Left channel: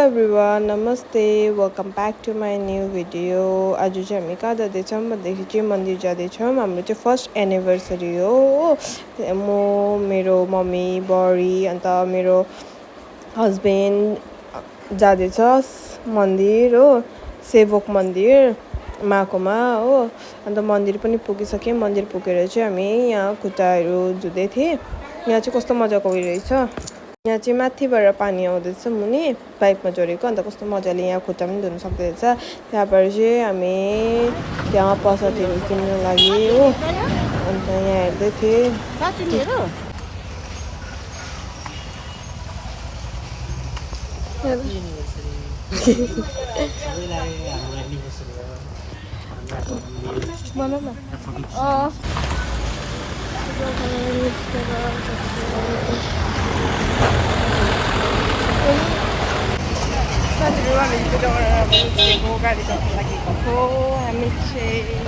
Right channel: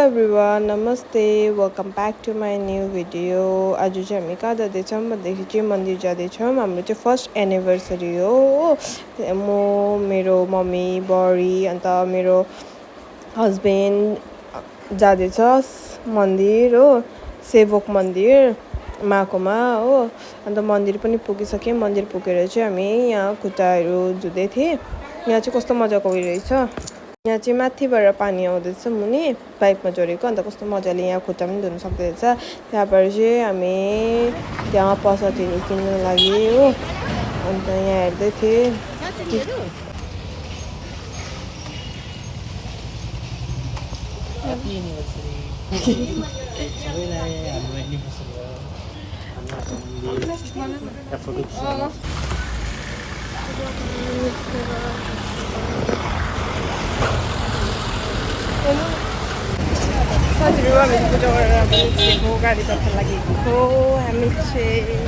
Everyone नमस्ते welcome back to my new video. आज चाहिँ हामी कहाँ जाँदैछौँ भन्दाखेरि चाहिँ मन्दिर जाँदैछौँ। हाम्रो चाहिँ फर्स्ट एनिभर्सरी हो। म मेरो मम्मी बडी अन्त मेरो हस्बेन्ड जाँदैछ मन्दिर हो, सेवक मन्दिर माकोमा हो। अन्त मन्दिर पनि पुगिसक्यौँ। मन्दिर पुगेर चाहिँ हामी यहाँ खुट्टाहरू धुँदै थिएँ। यहाँ चाहिँ कस्तो मजाको उयो रहेछ। यहाँ चाहिँ माथिबाट पानी आउँदैछ मुनि पाइपमा जोडेको, अन्त कस्तो मजाले यहाँ खुट्टा पनि धुन सक्दो रहेछ। त्यहाँबाट चाहिँ हामी त्यहाँ प्रसादहरू किन्नु लागि हो। अन्त यहाँ हेर्दै थिएँ। साथीहरू हामी पूजा गरेर निस्केको, गाडी तर्फ लागेको हो हामी चाहिँ।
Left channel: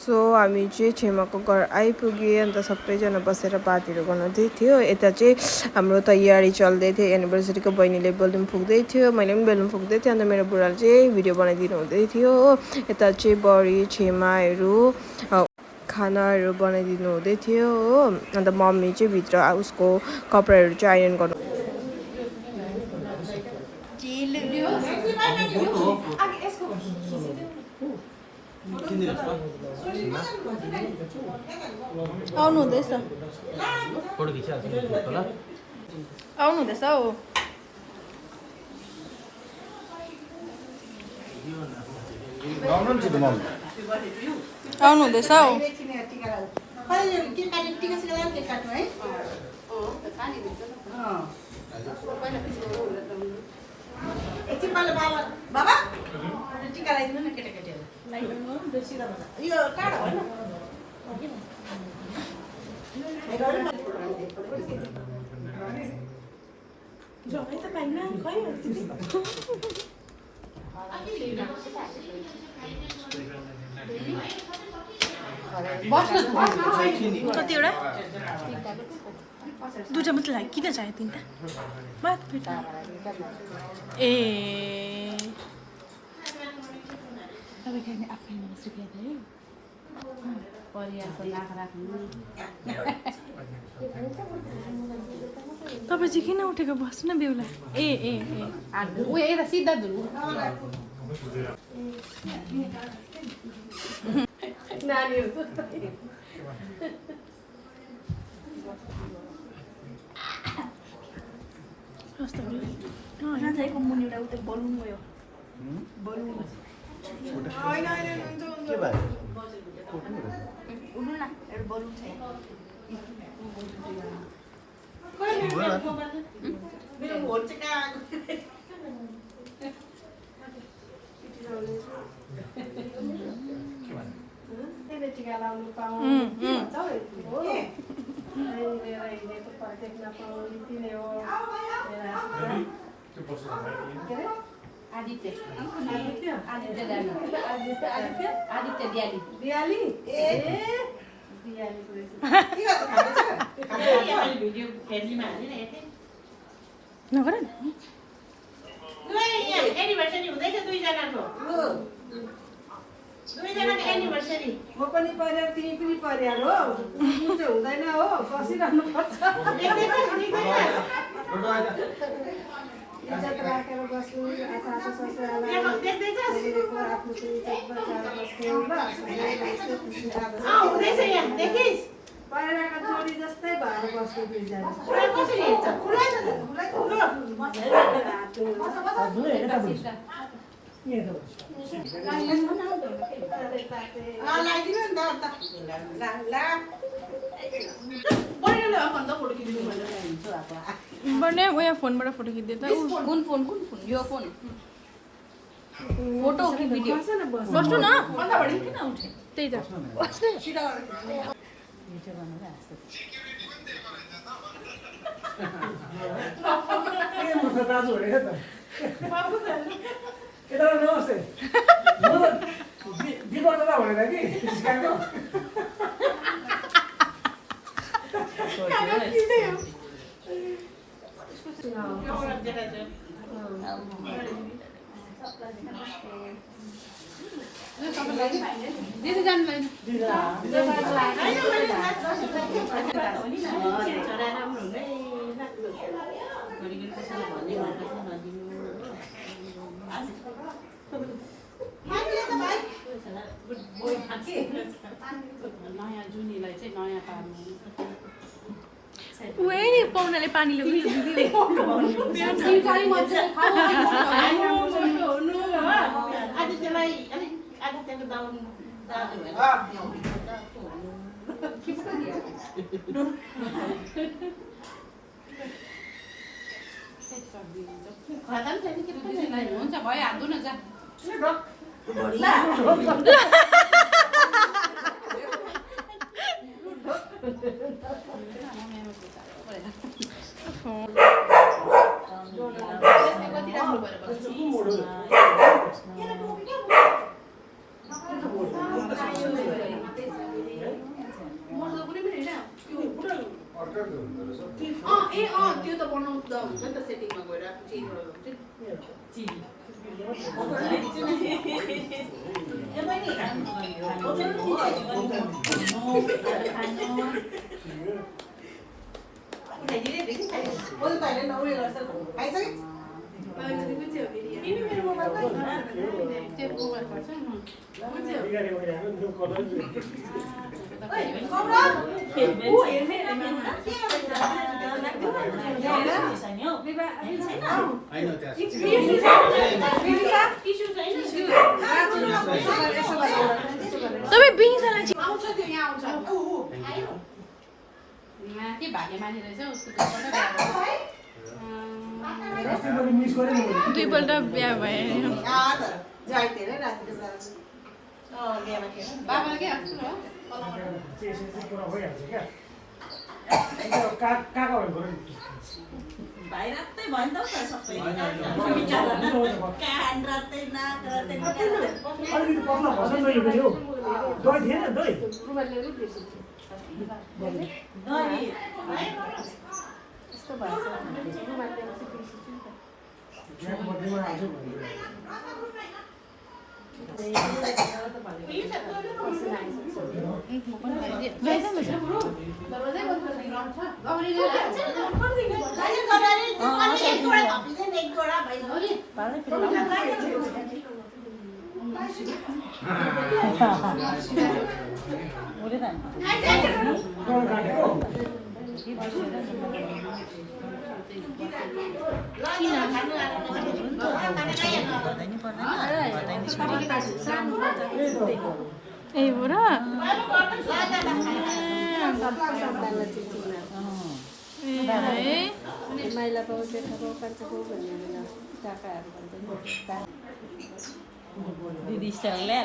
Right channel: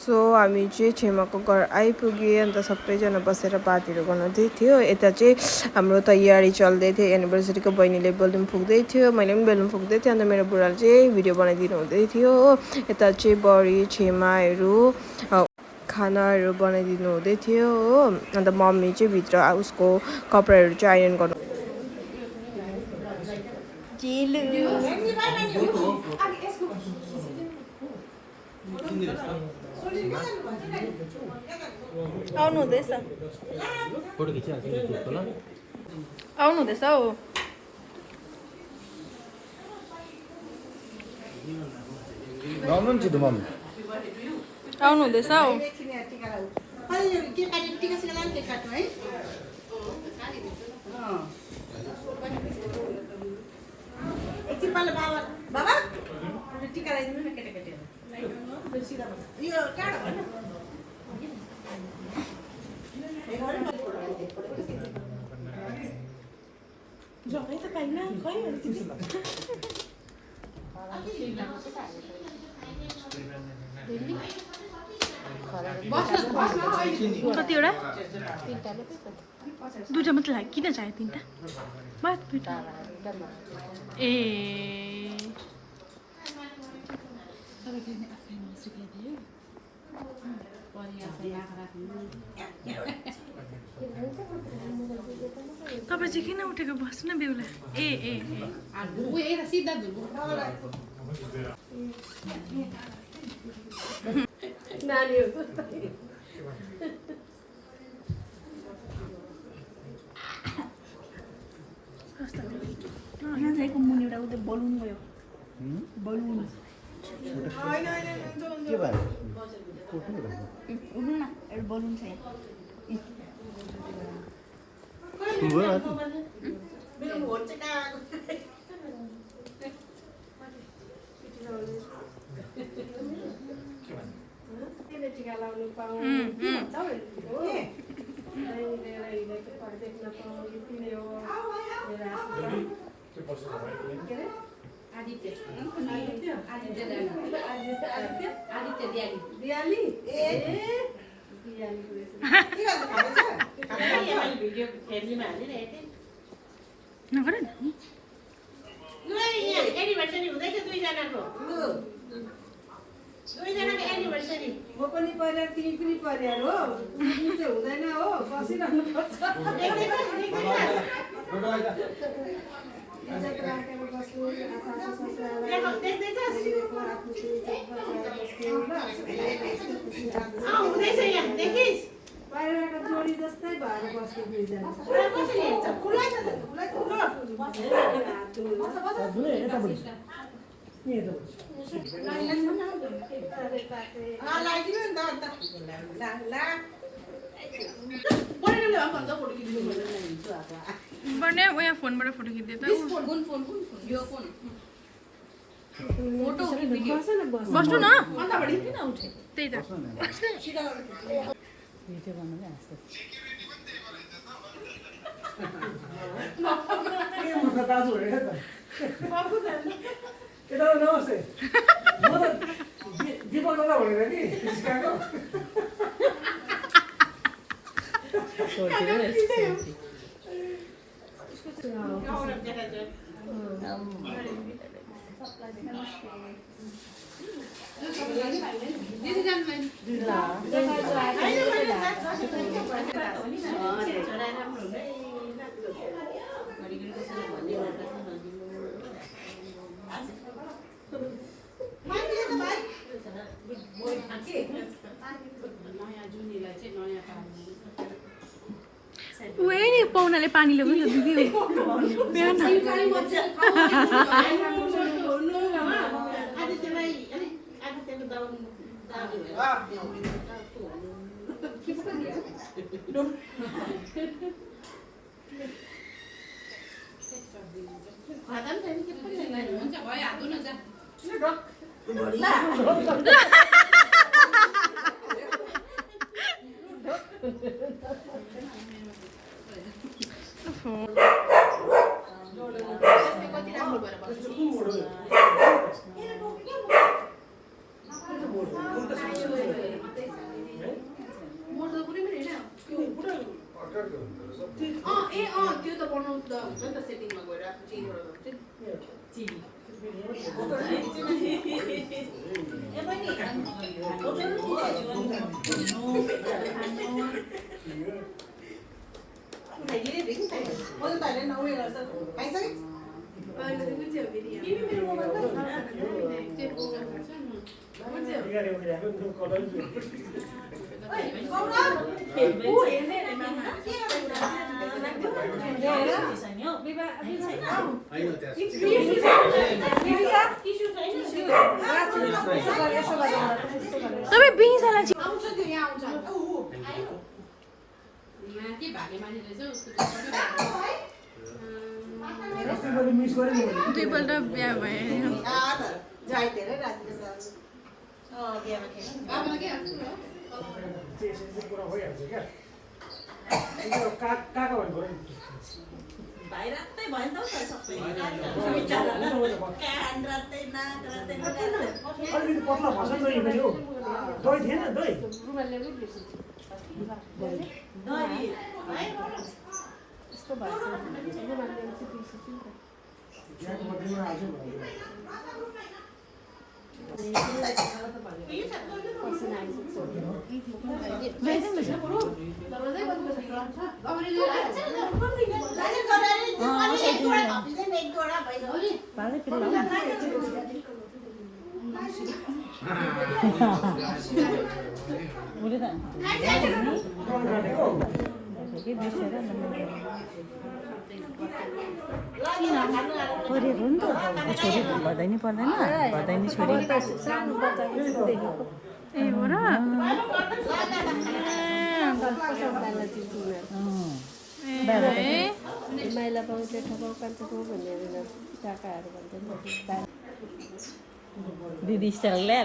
सो हामी चाहिँ छेमाको घर आइपुग्यो। अन्त सबैजना बसेर बातहरू गर्दै थियो। यता चाहिँ हाम्रो तयारी चल्दै थियो। एनिभर्सरीको बहिनीले बेलुन फुक्दै थियो, मैले पनि बेलुन फुक्दै थिएँ। अन्त मेरो बुढाले चाहिँ भिडियो बनाइदिनु हुँदै थियो हो। यता चाहिँ बडी छेमाहरू खानाहरू बनाइदिनु हुँदै थियो हो। अन्त मम्मी चाहिँ भित्र उसको कपडाहरू चाहिँ आइरन गर्नु आउनु हुँदैछ हौ। आउनु हुँदैछ हौ। कतिवटा दुईवटा मात्रै लाग्यो, किन चाहियो तिनवटा बात बेटा? ए तपाईँ चाहिँ किन उठेको? बस्नु न बेहुला। ए ए ए सिधा नानीहरू टिका लाउनु पाउँ आदित्य दियाली नगर न। एनिभर्सरी हुँदैछ दुईजनाको एनिभर्सरी। म पनि परिवार तिमी पनि परिवार हो, चाहिँ हुँदैन हो, बसिरहनु पर्छ। इज्जत राखेर बस्नु, सासू ससुरालाई पहिलाको जोडी जस्तै भएर बस्नु दुईजना। उयो फोनबाट फोटो खिच्दै त यो फोन फोटो कि भिडियो बस्नु न त्यही त नमस्ते नि पाहुनाले पानी ल्याउनु नि त दिदी हुन्छ भइहाल्दो न जा त्यो त बनाउँदा हुन्छ नि त सेटिङमा गएर तपाईँ बिनिसालाई आउँछ त्यो यहाँ आउँछ यहाँ के भाग्य माने रहेछ उसको दुईपल्ट बिहा भए बाबालाई के भाइ रातै भयो नि त सबै कान रातै नाक रातै अलिकति पत्ला भर्छ दही पनि हौ दही थिएन दही दही मध्येमा आउँछ ए हो र दिदी स्टाइलले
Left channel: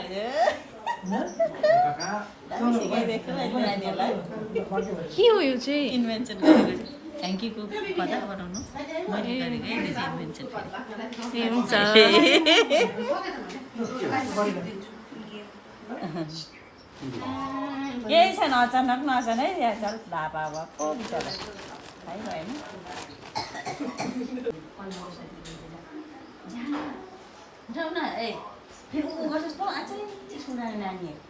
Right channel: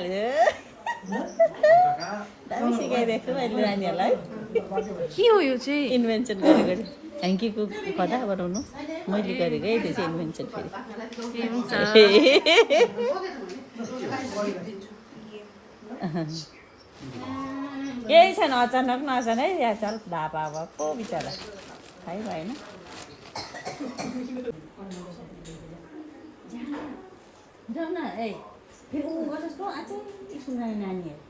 के हो यो चाहिँ इन्भेन्सन गरेको ह्याङ्कीको कथा गराउनु मैले गरेको है त्यो चाहिँ इन्भेन्सन ए हुन्छ केही छैन अचानक नअचानक है या छ बाबा भएको बिचरा है भयो जाऊ न ए फेरि उ गर्छस् त अझै सुना नानीहरू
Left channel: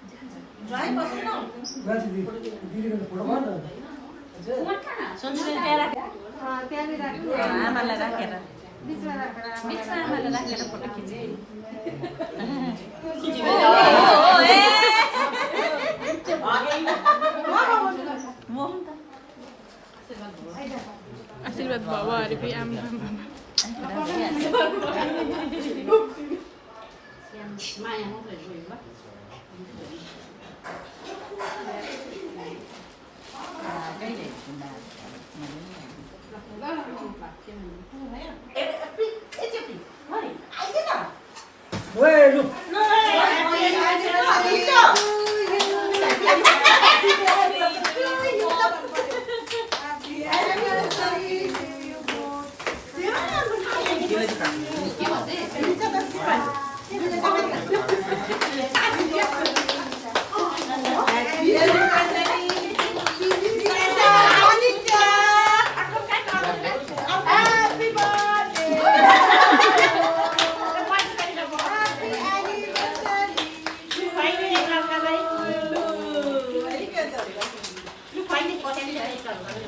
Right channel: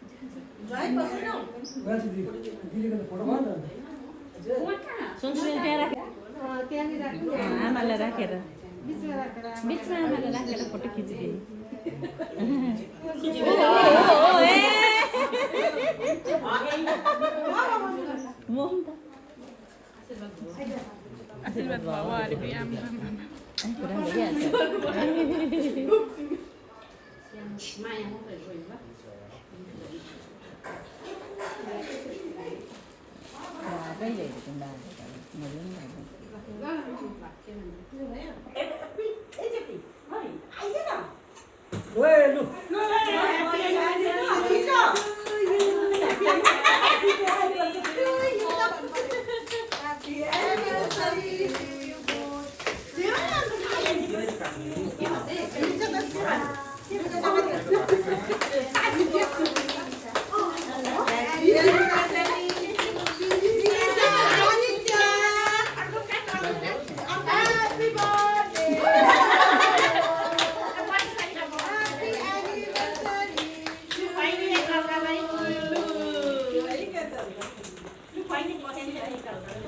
सन्जुले त्यहाँ राखेर आमालाई राखेर बिचमा आमालाई राखेर फोटो खिचिदिनु आशीर्वाद भयो अरे आमा माया मात्रै गयो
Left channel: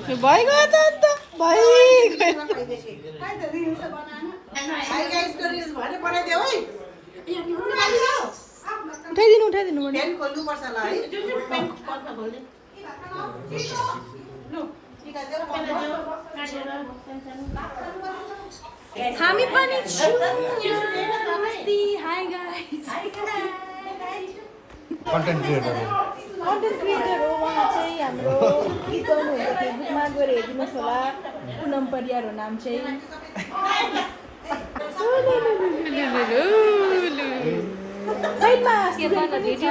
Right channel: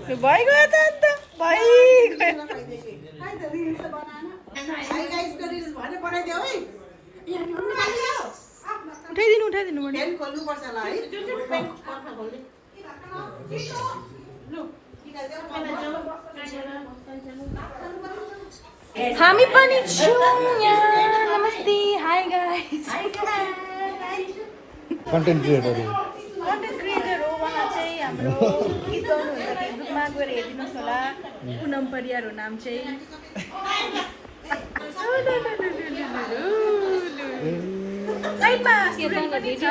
भइगयो त अन्त भइगयो उठाइदिनु उठाइदिनु हामी पनि छौँ यहाँ नमस्ते high guys content creator content creator हो उहाँ चाहिँ हाम्रो गीत गाउनुहुन्छ फेसबुकमा गएर हेरिदिनुहोस् होला पुनम परियार हो नाम चाहिँ साइडमा स्टुडेन्ट पनि छ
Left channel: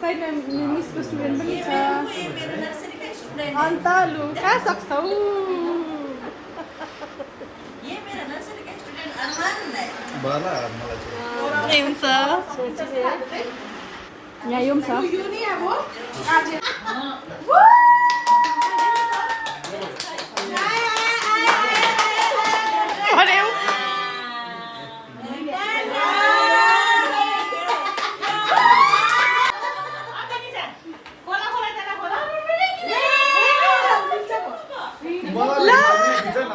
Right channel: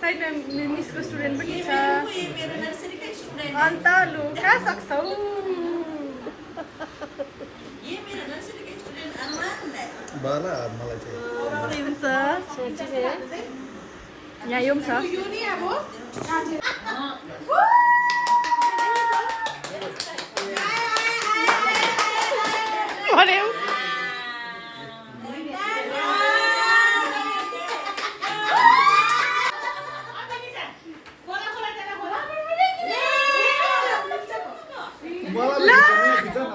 साइडमा मिसको स्टुडेन्ट पनि छ अन्त लु कहाँ सक्छौ बाला मलाई चाहिँ हुन्छ यहाँ यो पनि छ भन्यौ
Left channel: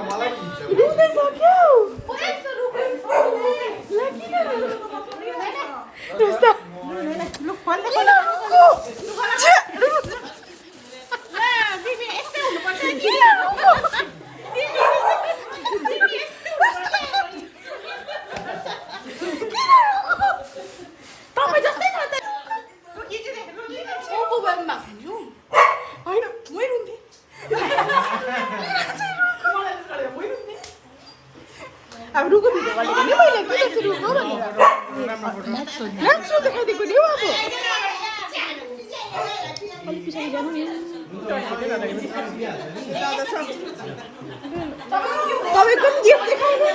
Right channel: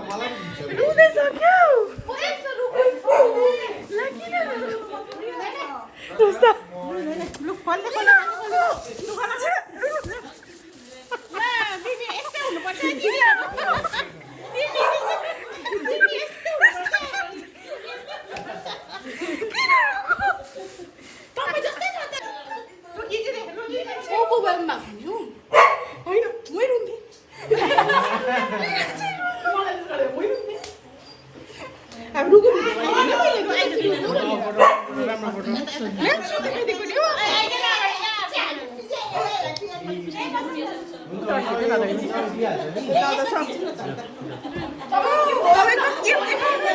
मलाई रुँदै सक्यौ अब रुको भिडियो भनेको नि मैले रुको राम्रो देखाइदिएको नि तपाईँको गिफ्ट देखाउनु